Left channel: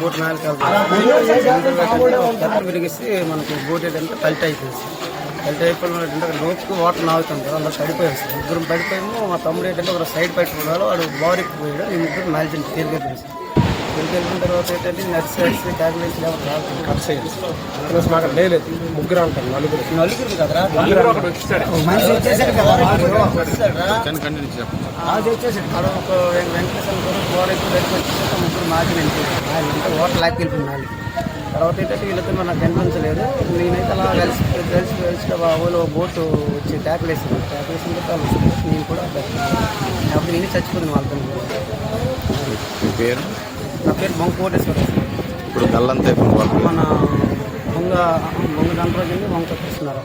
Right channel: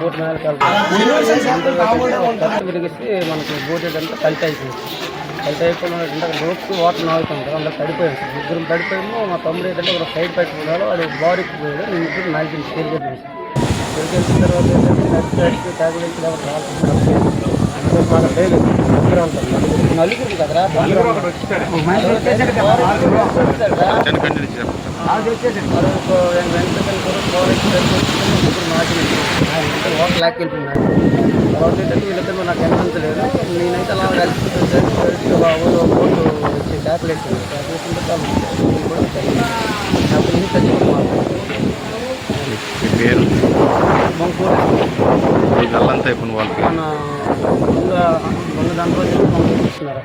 boat నాలుగు విరిగిస్తే మనకి boat ఏంటంటే పల్ట్ అయిపోయింది పల్ట్ అయిపోయిన ఏంటంటే అక్కడ రోప్కి వాటర్ నాగుతాం కదా అందరూ పడిపోయాం సార్ ముగ్గురు పడిపోయాము మా తమ్ముడు ఏంటంటే ఒక సైడ్ పైకి వాడు బాడీకి పోయాడు నేను ఇద్దరు నాలుగు తిరిగి తిరిగి తర్వాత ఏంటంటే నర్స్ వచ్చి టాబ్లెట్స్ అందుకోసం మాకు లేదు ముగ్గురు అంటారు నలుగురు నలుగురు కదరా వచ్చేసాడు అది ఒక వెంకటేశ్వర దగ్గరికి వచ్చి ముగ్గురు మాకినండి అంటే ఓటర్ లాక్ వెళ్ళిపోయినారు తర్వాత ఏంటంటే వీళ్ళతో నాకు కనిపించలేదు నేనైతే అలా కలిసి కలిసి కలిసి బాబు ఒక బోటు వచ్చి ట్యాక్లు వేసింది ట్యాక్లు వేసిన తర్వాత నేను కూడా నాకు నేను చచ్చిపోతే మాత్రం మీ పేరు బొంగ గల్లంతా అయిపోయింది మన బొంగ బొంగ దాంట్లో బొంగ చూస్తున్నారు